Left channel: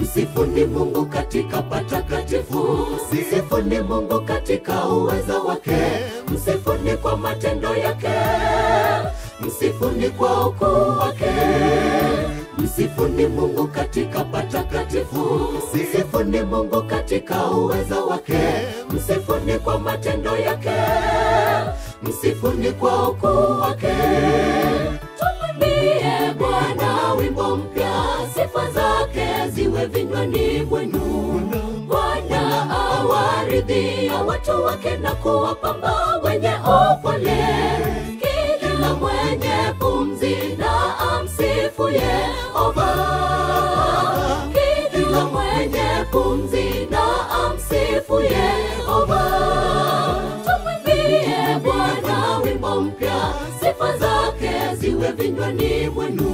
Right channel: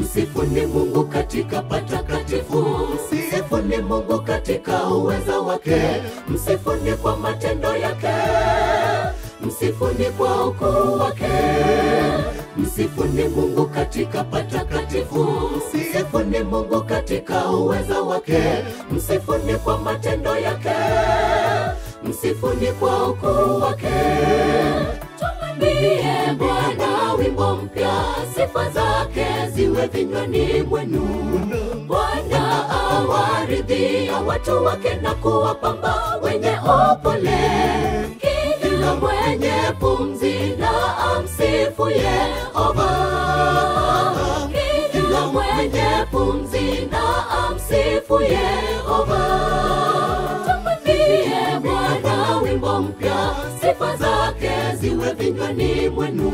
Msifuni Mungu katika patakatifu, msifuni Mungu katika uweza wake, msifuni kwa matendo yake, msifuni kwa ukuu wake. Msifuni Mungu katika patakatifu, msifuni Mungu katika uweza wake, msifuni kwa matendo yake, msifuni kwa ukuu wake. Tumwimbie Bwana wimbo mpya, sifa zake ziwe vinywani mwenu. Bwana awaridhia watu wake na kuwapamba wenye upole. Kila mwenye pumzi na amsifu Yehova. Kila mwenye pumzi na amsifu Yehova. Tumwimbie Bwana wimbo mpya, sifa zake ziwe vinywani mwenu.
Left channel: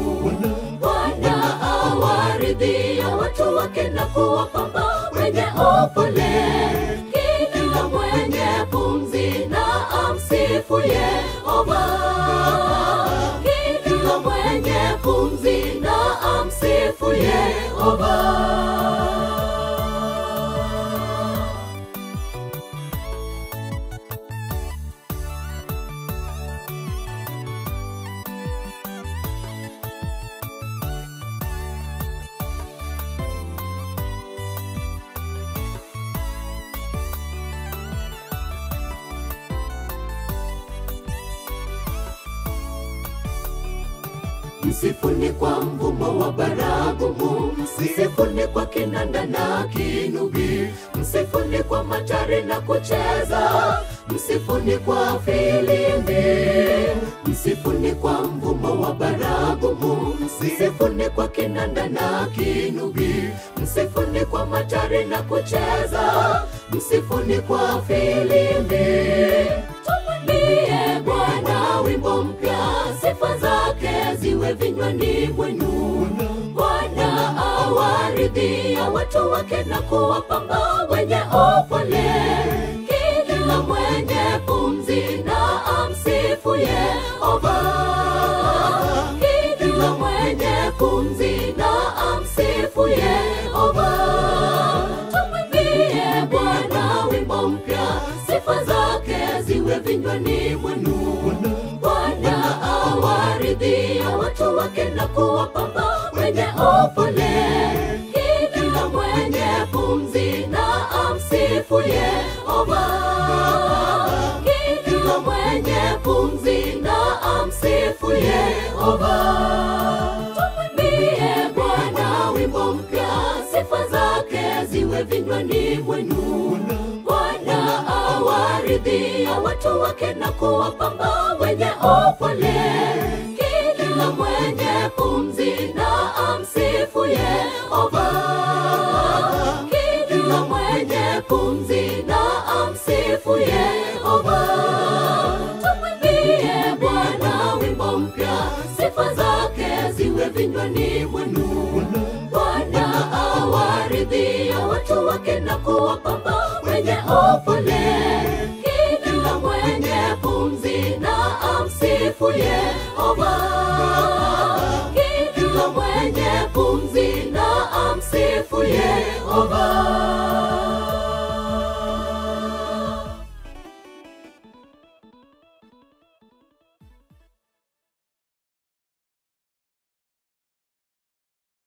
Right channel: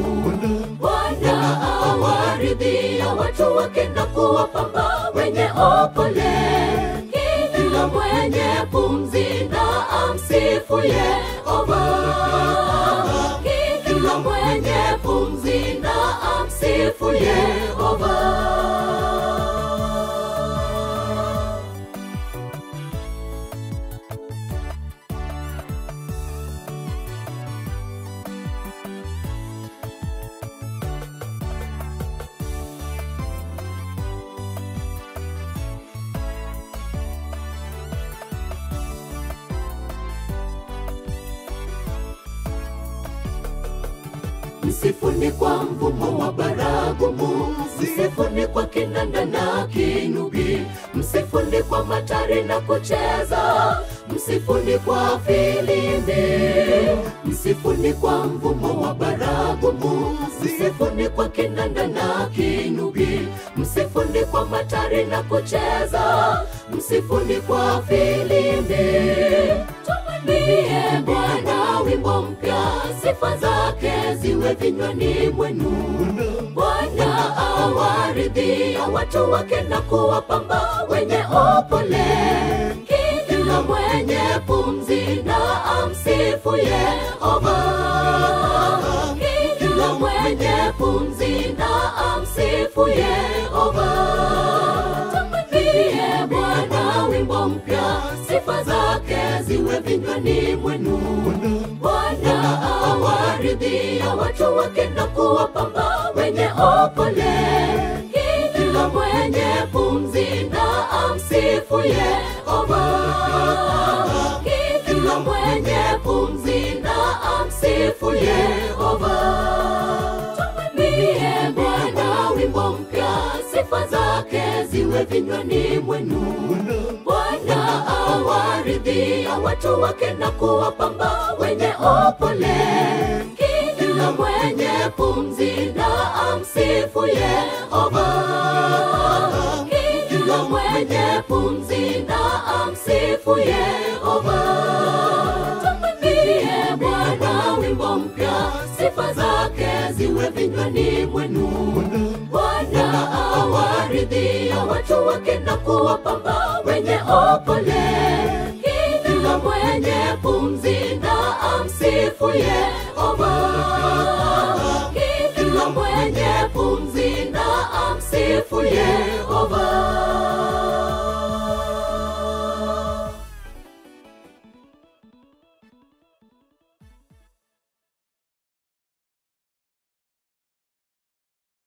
Bwana awaridhia watu wake na kuwapamba wenye upole. Kila mwenye pumzi na amsifu Yehova. Kila mwenye pumzi na amsifu Yehova. Msifuni kwa mvumo wa baragumu, msifuni kwa kinanda na kinubi, msifuni kwa matari na kucheza, msifuni kwa filimbi. Msifuni kwa mvumo wa baragumu, msifuni kwa kinanda na kinubi, msifuni kwa matari na kucheza, msifuni kwa filimbi. Tumwimbie Bwana wimbo mpya, sifa zake ziwe vinywani mwenu. Bwana awaridhia watu wake na kuwapamba wenye upole. Kila mwenye pumzi na amsifu Yehova. Kila mwenye pumzi na amsifu Yehova. Tumwimbie Bwana wimbo mpya, sifa zake ziwe vinywani mwenu. Bwana awaridhia watu wake na kuwapamba wenye upole. Kila mwenye pumzi na amsifu Yehova. Kila mwenye pumzi na amsifu Yehova. Tumwimbie Bwana wimbo mpya, sifa zake ziwe vinywani mwenu. Bwana awaridhia watu wake na kuwapamba wenye upole. Kila mwenye pumzi na amsifu Yehova. Kila mwenye pumzi na amsifu Yehova. Tumwimbie Bwana wimbo mpya, sifa zake ziwe vinywani mwenu. Bwana awaridhia watu wake na kuwapamba wenye upole. Kila mwenye pumzi na amsifu Yehova.